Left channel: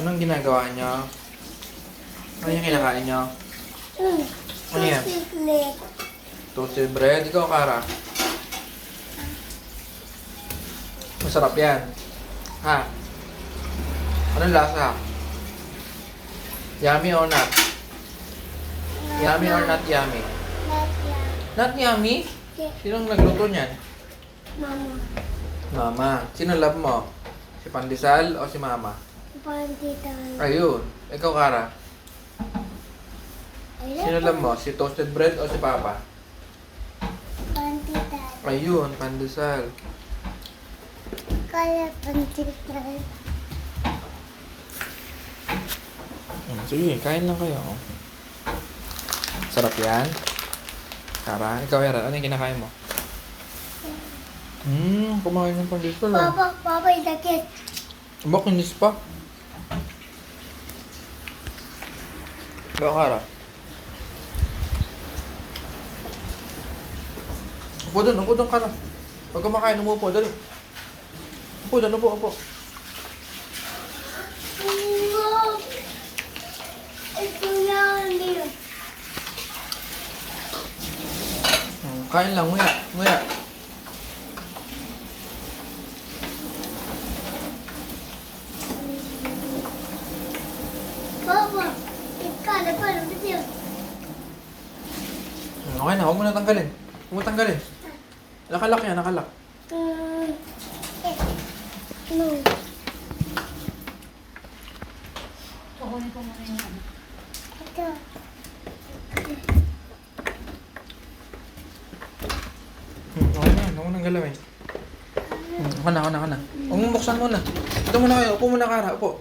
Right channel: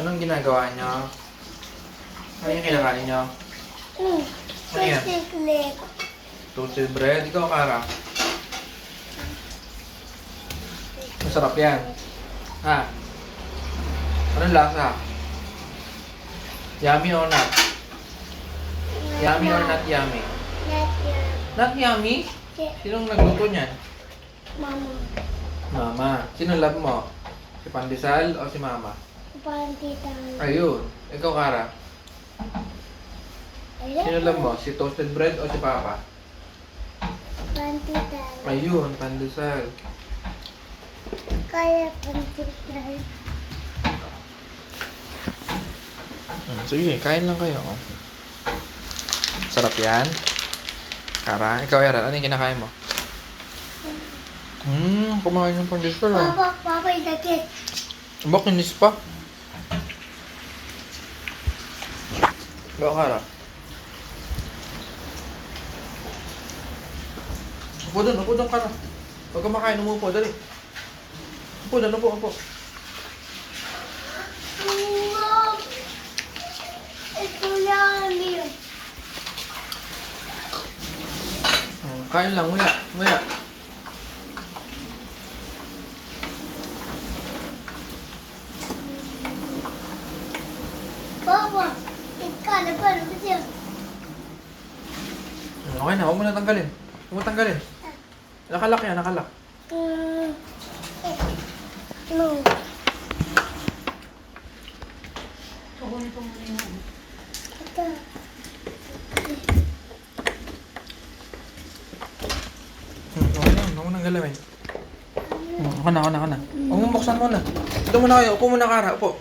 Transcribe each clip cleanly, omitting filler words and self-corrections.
Anong ginagawa niyo? Ano yung kinakain niyo? Ano yan? Chocolate. Toasted bread. Ikaw, Kara. Masarap yan. Ha? Anong lasa? Yummy or not? Yummy or not yummy? Not yum. Not yummy? Yeah. Sinong nagluto niyan? Mama. Mama. Sino love mo? Si Pandesal o si Mama? Pantitan. Ayun. Ikaw, Kara. Sino love mo? Si toasted bread o si Papa? Pantitan. Ayun, Pandesal. Kaya pantitan. Sige, kain lang kayo. Sarap yan. Kara, ikaw, Yaran. Ano yung kinakain mo? Kumain ng Pandesal ah. Papa, idakit. Ba, kinis pa? Ikaw, Kara. Upo doon, Kara. Huwag ka makain, umupo, dali. Upo doon, upo. Ito yan. Kain lang, nguya. Papa, ikaw na pa. Ano Okay na, huwag mo na tanggalin. Nakalak yan, nakalak. No. Ito. Okay na yan, huwag mo nang galawin. Ako na. Huwag mo buksan muna. Ito muna kayo, upo muna, Kara, upo.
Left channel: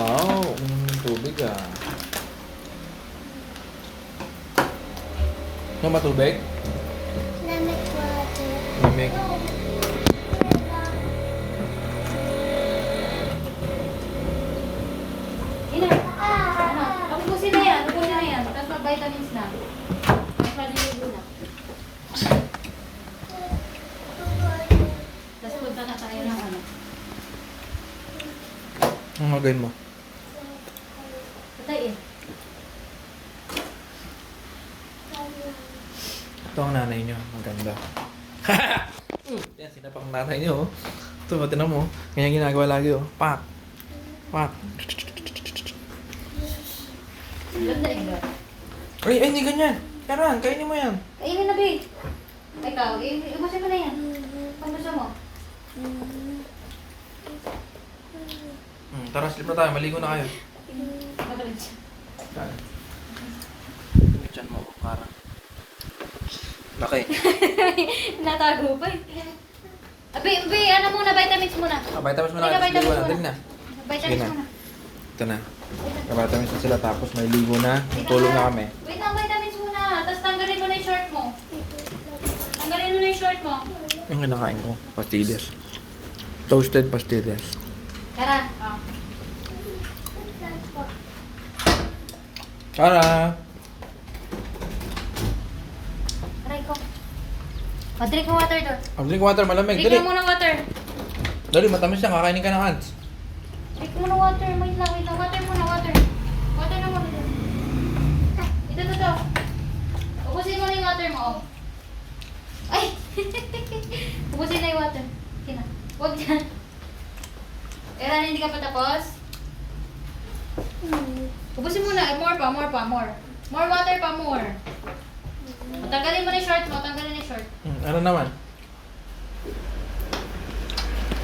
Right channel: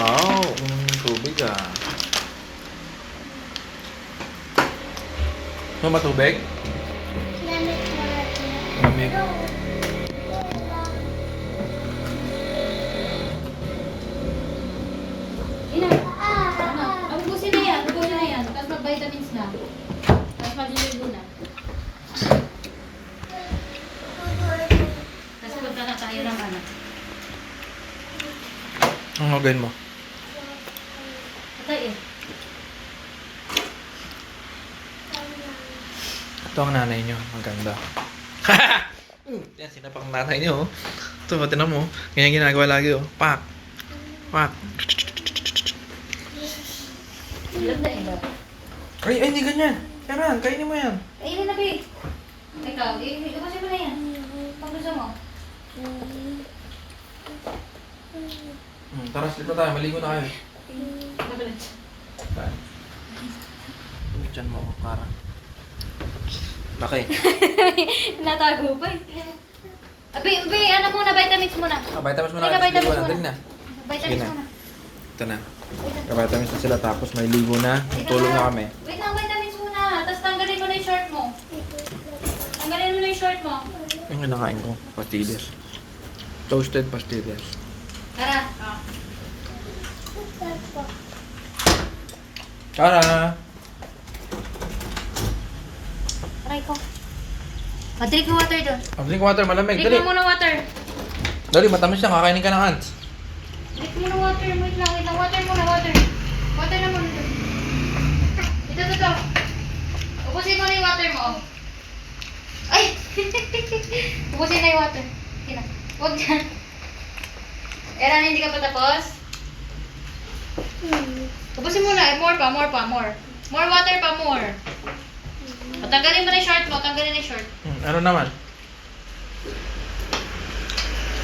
Wow, uminom ng tubig ah. Ano ba tubig? Lemon water. Lamig. Ubusin na yan. Tapos vitamins na. Tapos maliligo na. Tapos punta na tayo ng anak. Ang gagawin mo? Ito eh. Ito ang nanay niyo. Ang ganda. Yan, sinapak ang nanay niyo. Ito, tinan mo. Ganyan ginagawa lagi oh. Pak. Ilan na ilan? Ay, hindi ganyan. Karan, kainin mo yan. Kainin na, babe. Ikaw, ubusin mo na yan. Kung gusto mo. Tara, slip na tayo. Maligo na kayo. Kabalan siya. Saan? Diyan mo ako, Kara. Laki. Natago pa eh. Abi, ano muna, vitamins muna. Vitamins mo na. Teka, Tapos ligo na. vitamins Dali na. Vitamins Sige na. muna. Ito na. Vitamins na sila. Tapos may ligo na. Tulog na kami. Wait lang, vitamins muna. Tapos tanggalin mo na yung short mo. Tanggalin mo na yung short mo. Yung nakain ko. Pastillas. Toasted pastillas. Tara. Kara! Aray ko. Drink mo water doon. Drink water. Malamig. Dali. Drink mo muna water. Dali, matamis yan. Kakainin ka ng ants. Drink mo na water. Wait lang. Water muna, water. Water na muna doon. Ito. Ubusin mo na yung water mo. Ay! Ubusin na yung water. Sige na. Huwag dyan. Eran, hindi ka pa tapos? Ubusin mo na. More pa. More water pa, more. Tanggalin mo na yung short mo. Tanggalin na yung short. Ano naman?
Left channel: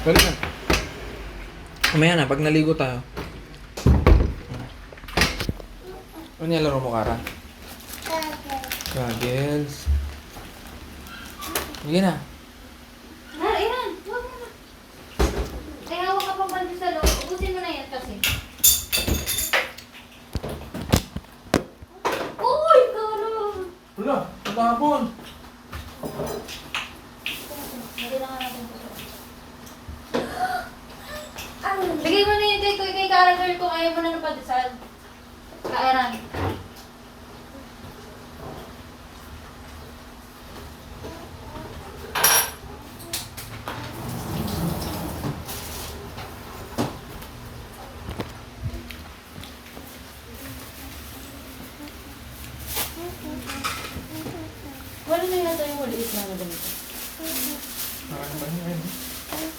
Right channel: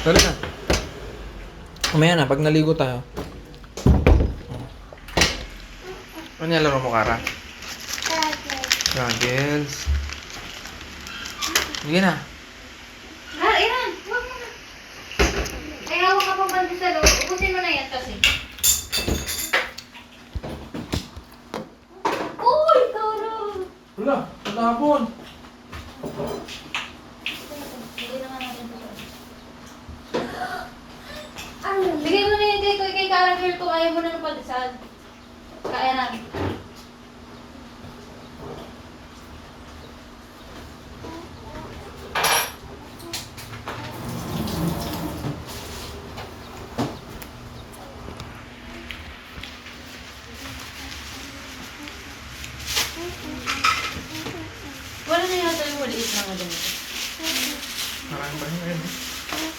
Dali na. Kumaya na, pag naligo tayo. Ano yung laro mo, Kara? Goggles. Sige na. Eran, huwag mo na. Kaya hawak ka pang bandi sa loob. Ubusin mo na yan kasi. Uy, Karo! Wala, hapon. Bigyan na nga natin ito. Bigay mo na yan kay Kara girl kung ayaw mo na ng pandesal. Kairan. Paano na yata yung maliit na ganito? Maraming bahin ngayon.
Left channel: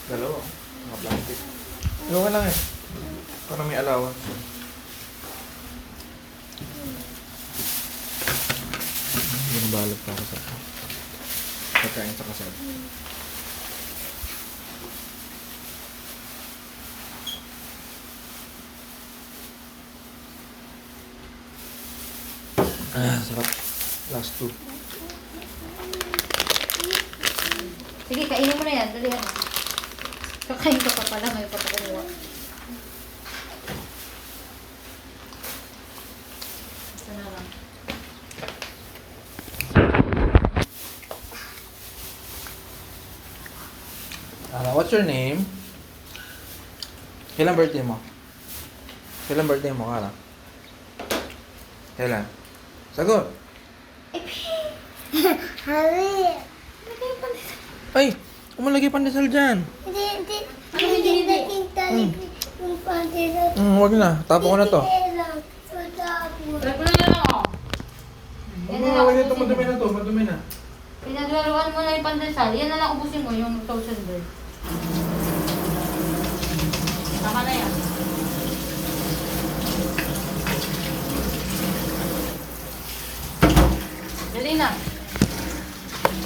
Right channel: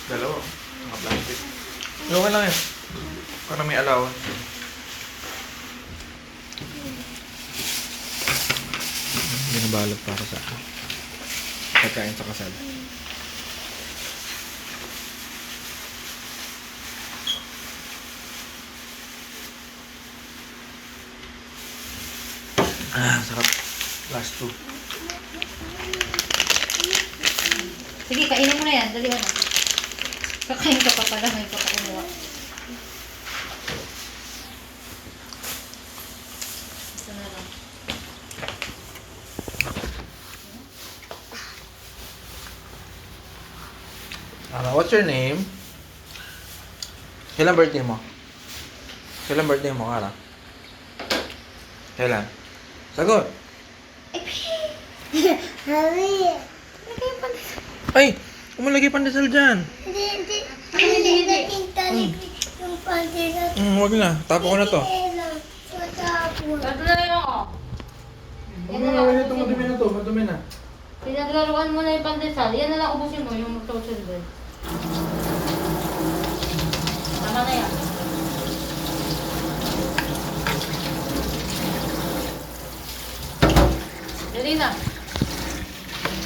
Dalawa. Mga plastic. Okay lang yan. Para may allowance. Binabalot para sa pagkain sa kasal. Sarap. Last two. Sige, kainin mo na yan. Dali na. Kakain ka pa pala. May ka pa kumuha. Ito na lang. What's your name? Kailan birthday mo? Kailan birthday mo, Kara? Kailan? Sagot! Hari. Ay! Umalagay pandesal dyan! Hindi. Hindi. Dating talig yung pandesal. Wag na. Tapo ko na to. Tatapon. Sabi na lang ako. Huwag mo gawin ito. Madumi na to. Madumi na. Pinaglaruan mo na yung pandesal. Yan na lang ubusin mo yung toasted bread. Tama na yan. Dali na.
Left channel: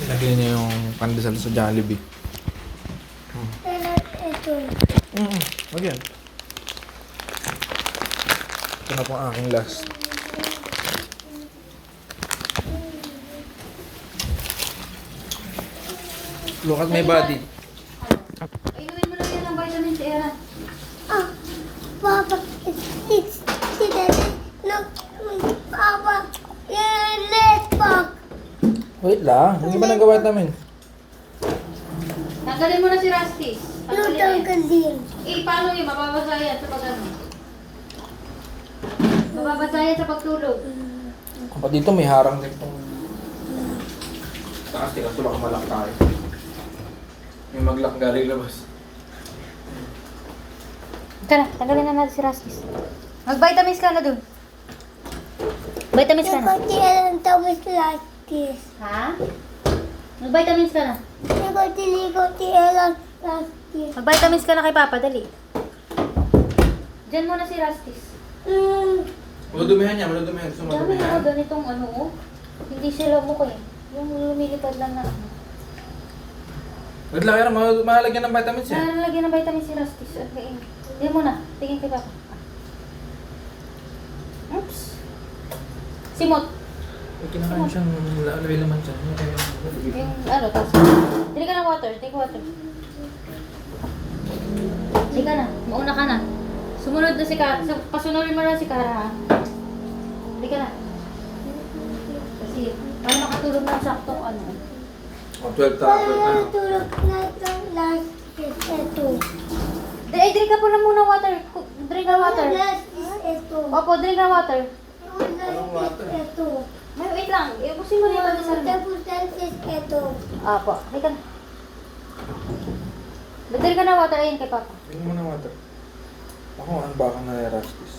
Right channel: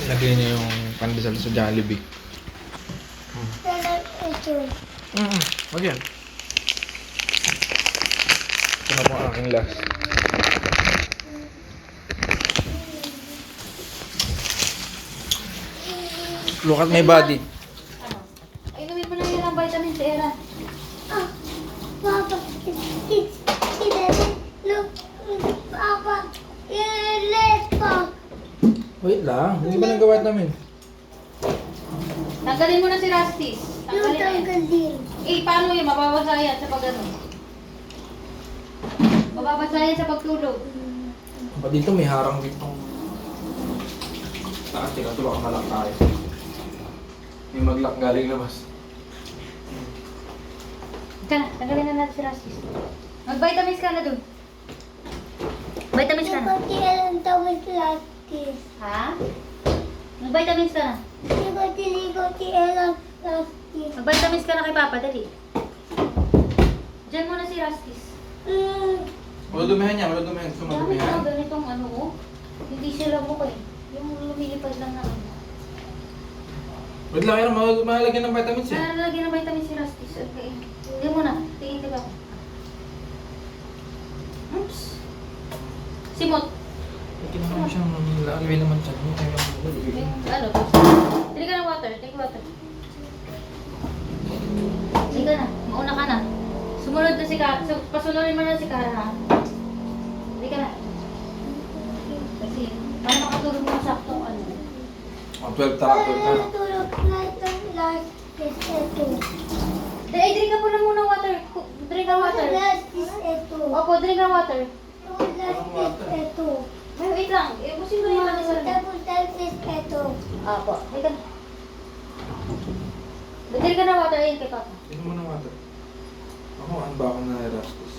Lagay niya yung pandesal sa Jollibee. Talag ito. Wag yan. Ito na po ang aking last. Look at my body. Inumin mo na yan ang vitamin C, Era. Ah, Papa, it's daddy. Look, Papa, let's pop. Wait lang. Hindi ba nagawa namin? Tanggalin mo na si Rastis. Look, Tanggalin na yan. tanggal din. Paano yun? Mababasa yan sa pag-ano. Mababasa yan sa pagtulog. Kapag dito may harang dito. Taas, tingnan ito baka malak tayo. May maglak galing labas. Tara, tanggalin na natin si Rastis. Mag-vitamins ka na dun. Vitamins ka na. Hindi ko alam tapos like this. Ha? Mag-vitamins ka na. Hindi ko alam like this. Mag-vitamins ka na kay Papa, dali. Diyan muna si Rastis. Maludumihan niya, maludumihan. Gusto mo Dami na maludumihan? ganitong ano, oh. Hindi sila mo ko eh. Yung lumilipad lang na ano. Wait lang, Era. Mahalagyan ng vitamins eh. Nalagyan ng vitamins si Rastis. Okay. Hindi mo na. Tingin kay Papa. Oops. Simot. May kinakain siyang lalawin naman siya. Yung ano, tapos. Dili ka ng water. Take water. Dili ka na. Mauna ka na. Sumunod na si Kara. Pasunodin mo na si Kara, ha? Dili ka na. Kasi, para makatulog ng saktong ano. 12 tara, 12 na. Tulog na itong like this ito. Drink ka po na muna water. Drink ka water. Last is ito. Opo, drink ka water. Last is ito. Ay, wait lang. Iubusin mo na yung pandesal na. Tapos last is ito. Opo, drink ka na. Drink ka na water. Ayun kay Papa. Tingnan mo na water. Ako, ano ba ako na Rastus?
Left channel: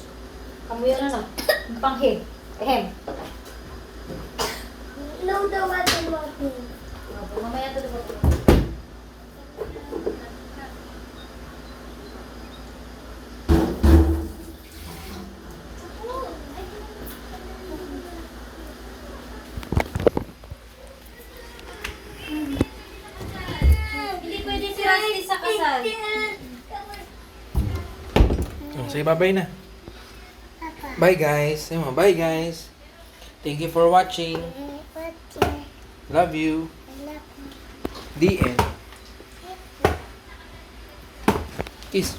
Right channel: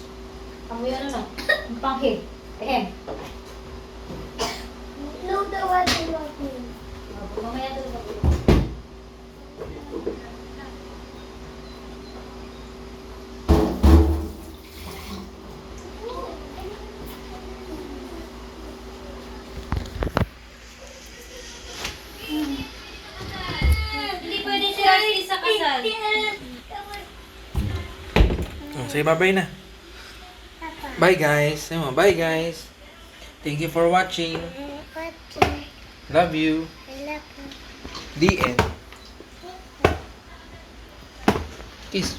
Kami yun na. Panghe. Ehem. No, the water walking. Opo, mamaya tulog ako. Hindi pwede si Rastis sa kasal. Say bye-bye na. Bye guys. Say mo, bye guys. Thank you for watching. Love you. The end. Kiss.